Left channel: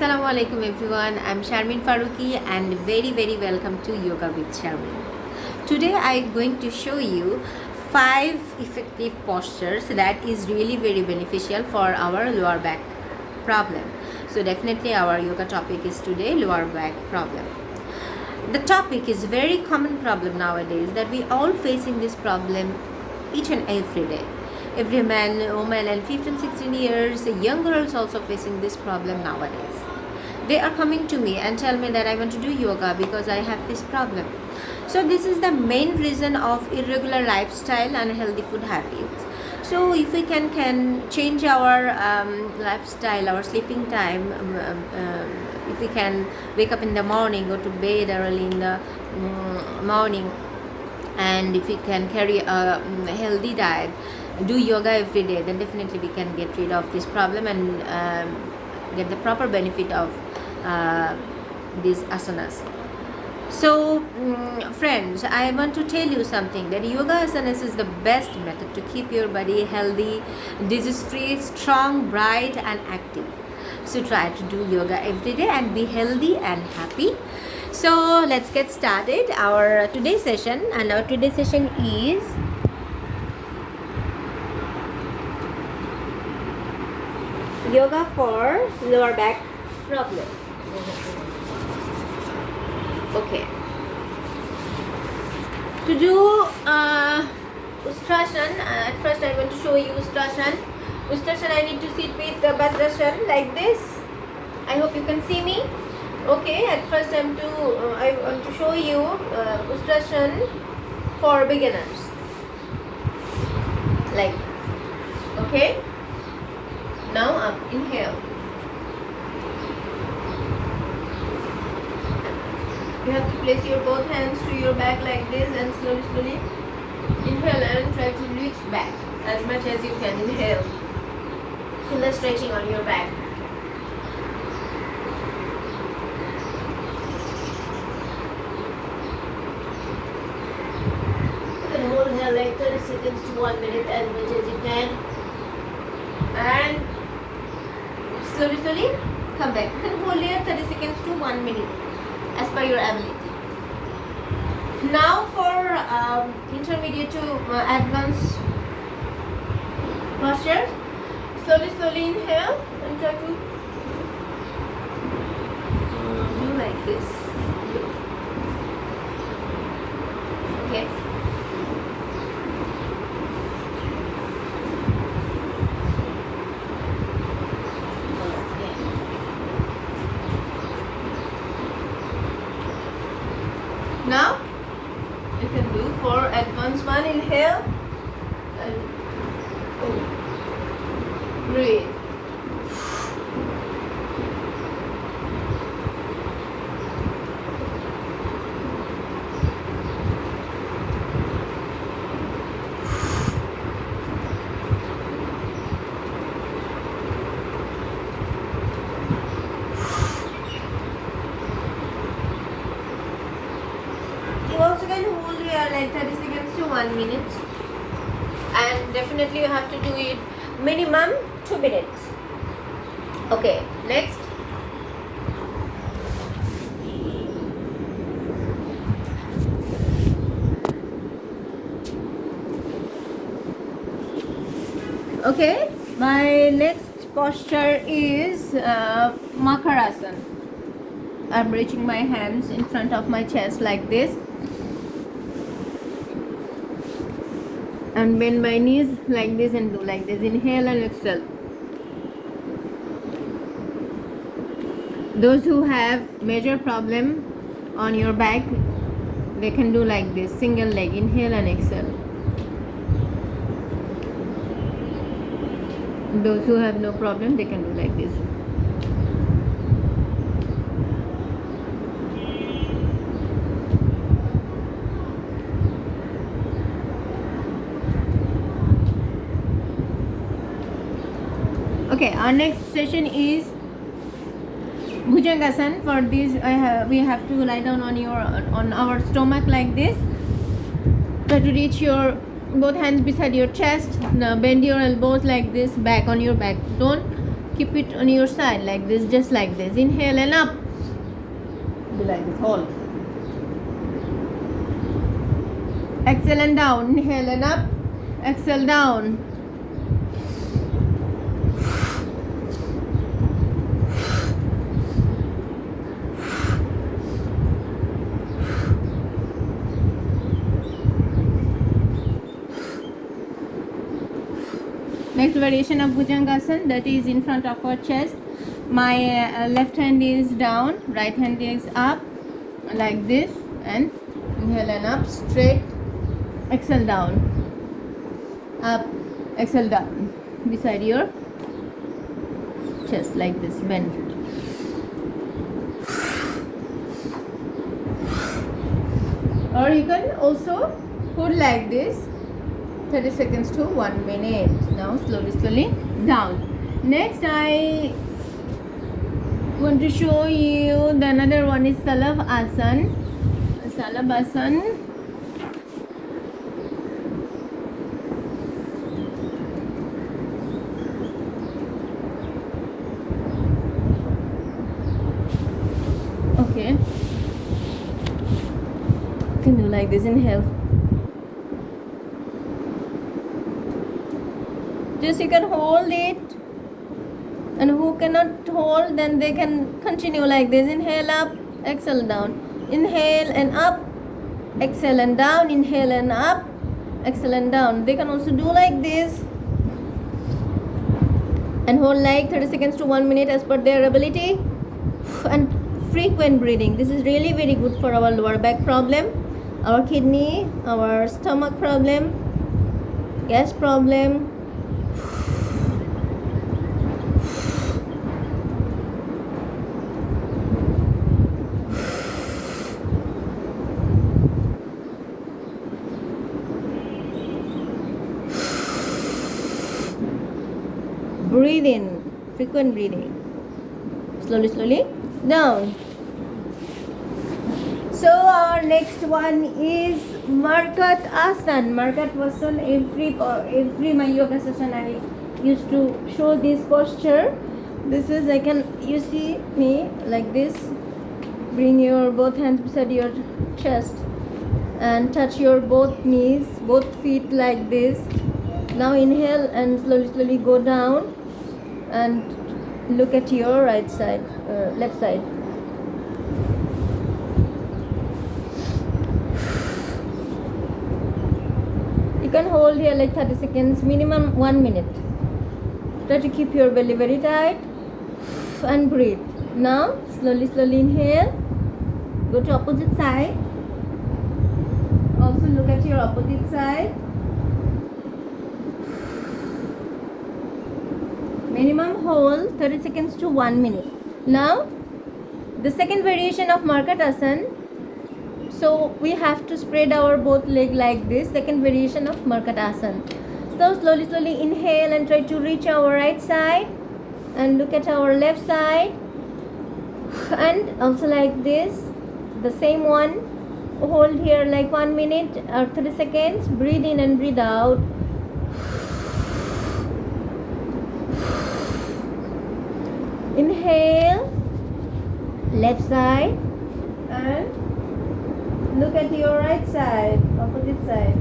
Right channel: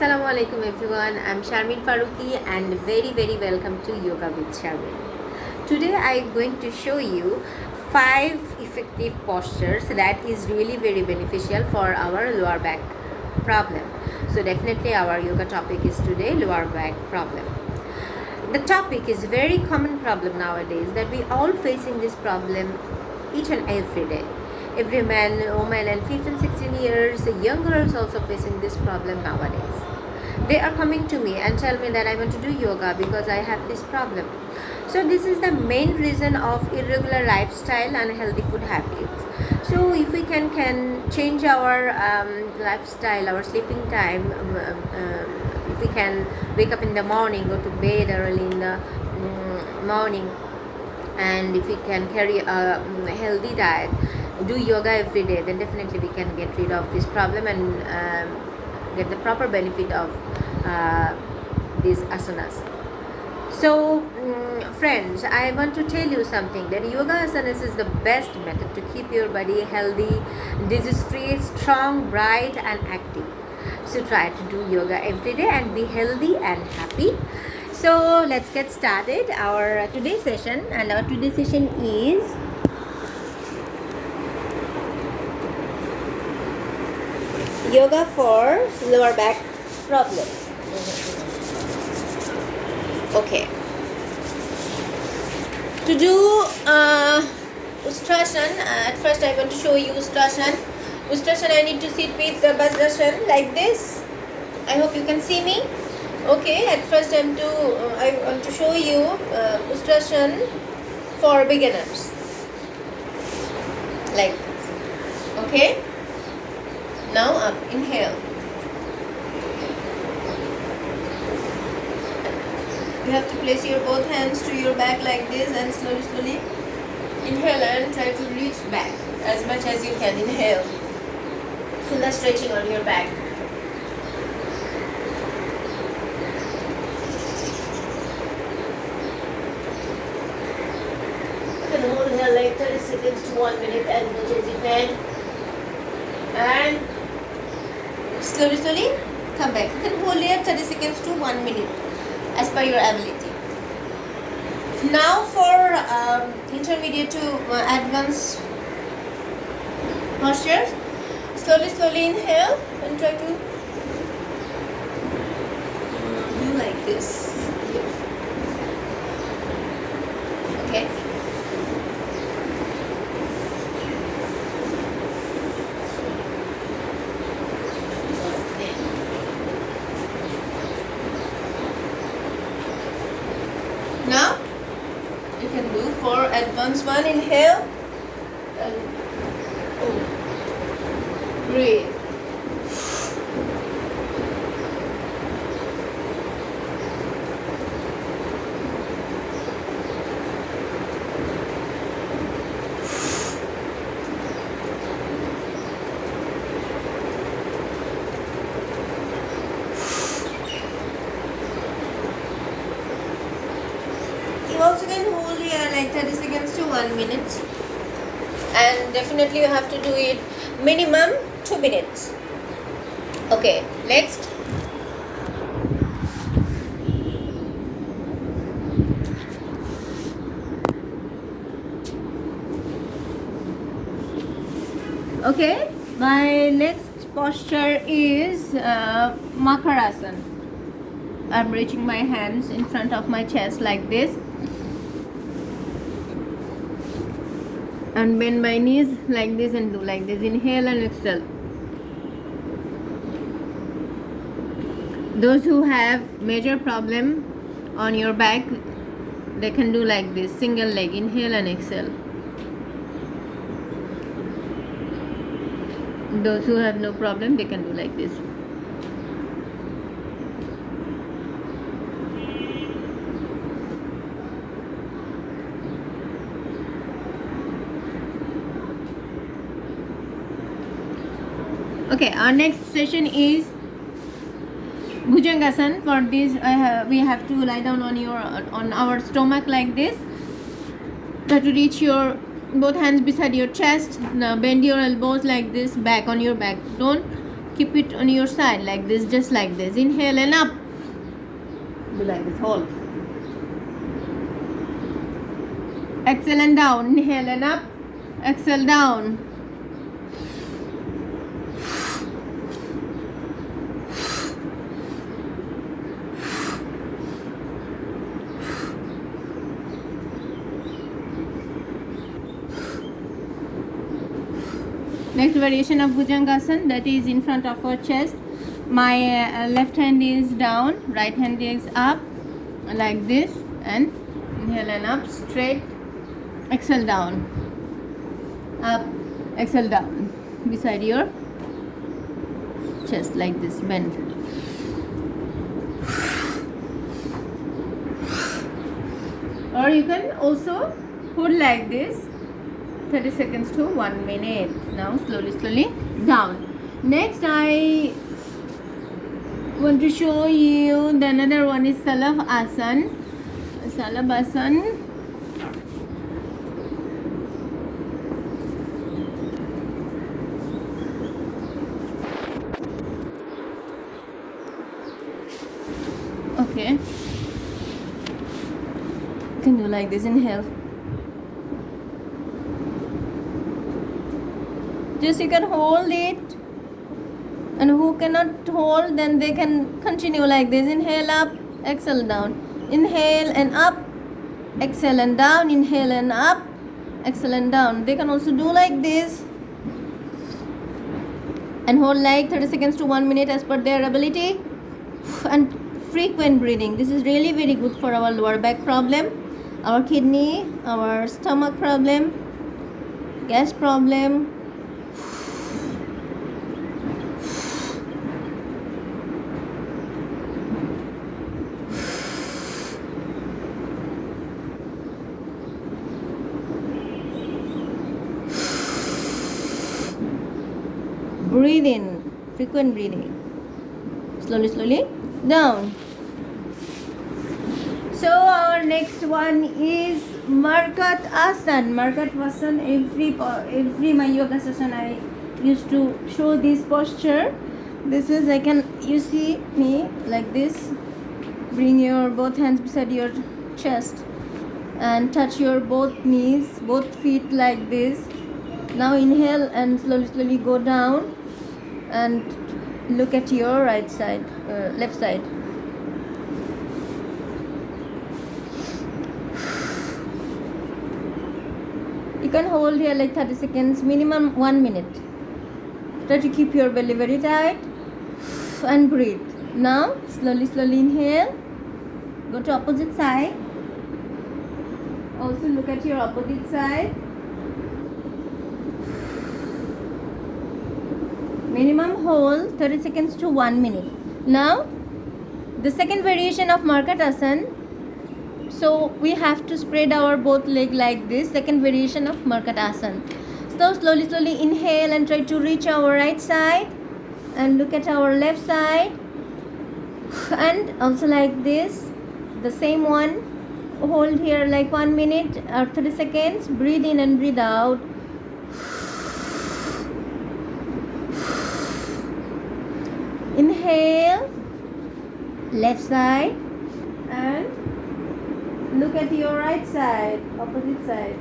Assalamu alaikum everyone. I'm Sharmin Faruqi and very welcome to Yoga with Sharmin. Today I'm going to show you 5 effective postures that is really very beneficial for our lower back problem. So definitely our yoga topic is today lower back problem. The topic is very common problem nowadays that we all facing this problem each and every day. Every man, woman and 15, 16 years, young girls also facing this problem nowadays. They are coming to me and tell me that I want to do yoga because I have this problem. So this is the main reason of irregular lifestyle and healthy food habits. So if we can change our lifestyle, our sleeping time, if we can wake up in the morning, go to bed early in the morning, and if we can carry a healthy diet, do yoga every day, then definitely we can get rid of this problem and get the proper benefit of these asanas. So friends, I want to tell you something, that yoga asanas is the best method to keep your body healthy, disease free, strong, bright and active. So try to do yoga every day and be healthy and happy. So let's get started our today's session, and our today's session is yoga for lower back problem. Okay. To do Ustrasana, at first I want to show you Ustrasana. Ustrasana, I need to sit with the Vajrasana like this. I hope you can see me. Okay, at first I want to show you Ustrasana for beginners. Like this. Okay. Now up, inhale. You have to place your both hands to your back like this and slowly inhale and try to reach back as much as you can. Inhale. Feel the stretching on your back. You can hold here like 30 seconds to 1 minute as much as you can. And slowly come back. You can hold here 30 seconds to 1 minute as per your ability. Now for intermediate to advanced postures, slowly inhale and try to do like this. Okay. Now you can do for advanced one. Inhale and breathe. You also can hold here like 30 seconds to 1 minute, and definitely you have to do it minimum 2 minutes. Okay, next. Okay, my next posture is Makarasana. I'm reaching my hands in front of my chest like this and bend my knees like this and do like this. Inhale and exhale. Those who have major problem on your back, they can do like this, single leg. Inhale and exhale. Those who have no problem, they can do like this. Okay, our next session is Bhujangasana. For this, we have to lie down on our stomach like this. Try to reach your both hands beside your chest. Now bend your elbows like this, back on your back. Don't keep it on your side like this, just like this. Inhale and up. Do like this, hold. Exhale and down. Inhale and up. Exhale down. Next variation of Bhujangasana, that is in front of our chest. My left hand is down, right hand is up, like this, and inhale and up, straight, exhale down, up, exhale down, beside your chest, like this, bend. Or you can also hold like this 30 seconds to 1 minute. Now slowly down. Next I want to show you the another one is Salavasana. Salavasana. Okay. You can do like this. Inhale. Just you can hold it, and who cannot hold, then they can continue like this. Inhale up, exhale down. Inhale and up, exhale and down. Inhale and up, exhale and down. They can also do like this and hold like 30 seconds to 1 minute as per their ability. And frequent breathing. This is really very good for our lower back problem, our kidney, our stomach problem, gas problem. Breathe in, frequent breathing. Slowly down. So our next one is Markat Asana. Markat Asana, every my yoga session I used to show this posture. This is, you see me like this. Bring your both hands beside your chest and touch your both knees, both feet like this. Now inhale and slowly go down and look at your right side, left side. You can hold here like 30 seconds, minimum 1 minute. Try to keep your belly very tight and breathe. Now slowly inhale, go to opposite side. Also look at your opposite side. Minimum hold 30 seconds to 1 minute. Now the second variation of Markat Asana. So we have to spread our both leg like this. Second variation of Markat Asana. So slowly inhale and try to reach our right side and look at our left side, and also like this. The same one. Hold here like 1 minute or 30 seconds. Breathe in and breathe out. Inhale, left side, and look at your right side, opposite side.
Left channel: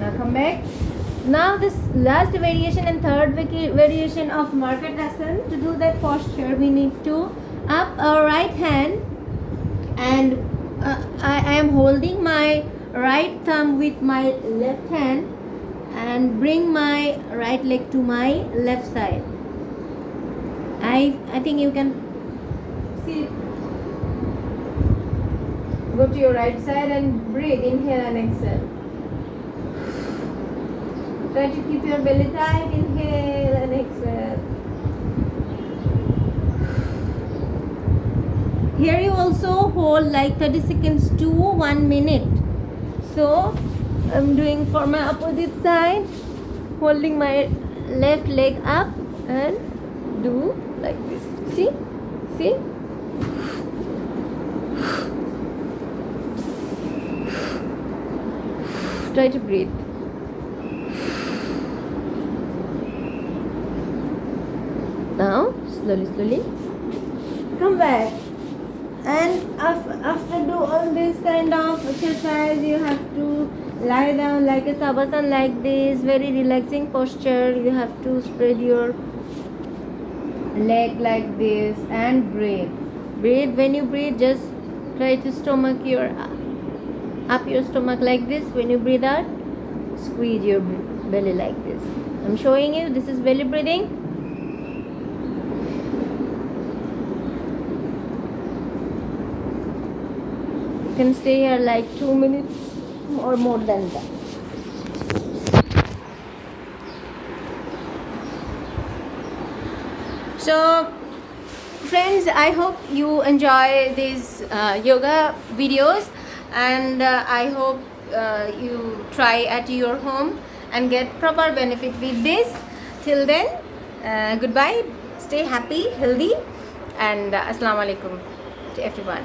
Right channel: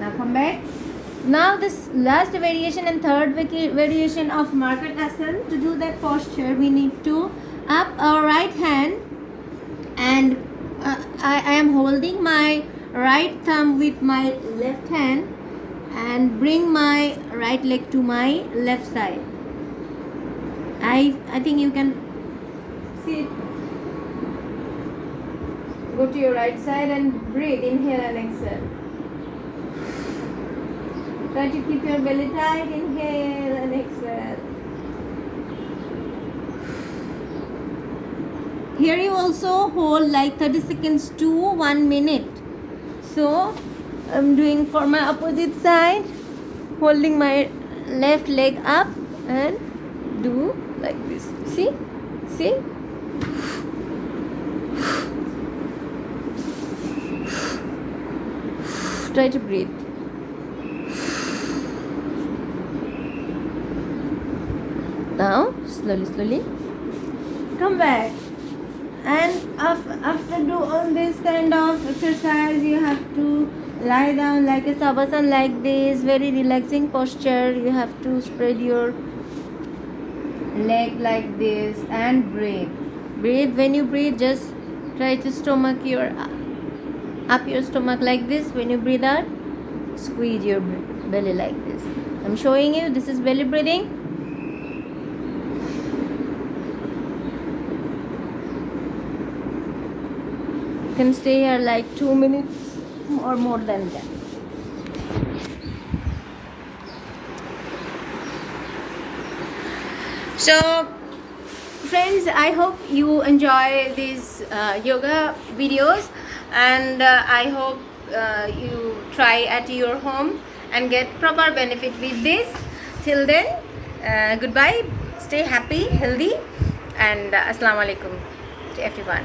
Now come back. Now this last variation and third variation of Markat Asana. To do that posture, we need to up our right hand, and I am holding my right thumb with my left hand and bring my right leg to my left side. I think you can see it. Go to your right side and breathe. Inhale and exhale. Try to keep your belly tight. Inhale and exhale. Here you also hold like 30 seconds to 1 minute. So I'm doing for my opposite side, holding my left leg up and do like this. See? Try to breathe. slowly. Come back. And after do all this kind of exercise, you have to lie down like a savasana like this, very relaxing posture. You have to spread your leg like this and breathe. Breathe. When you breathe, just try to stomach your up your stomach like this. When you breathe out, squeeze your belly like this. I'm showing you. This is belly breathing. You can stay here like 2 minutes or more than that. So friends, I hope you enjoy these yoga videos, and I hope you try at your home and get proper benefit with this. Till then, goodbye, stay happy, healthy, and assalamu alaikum to everyone.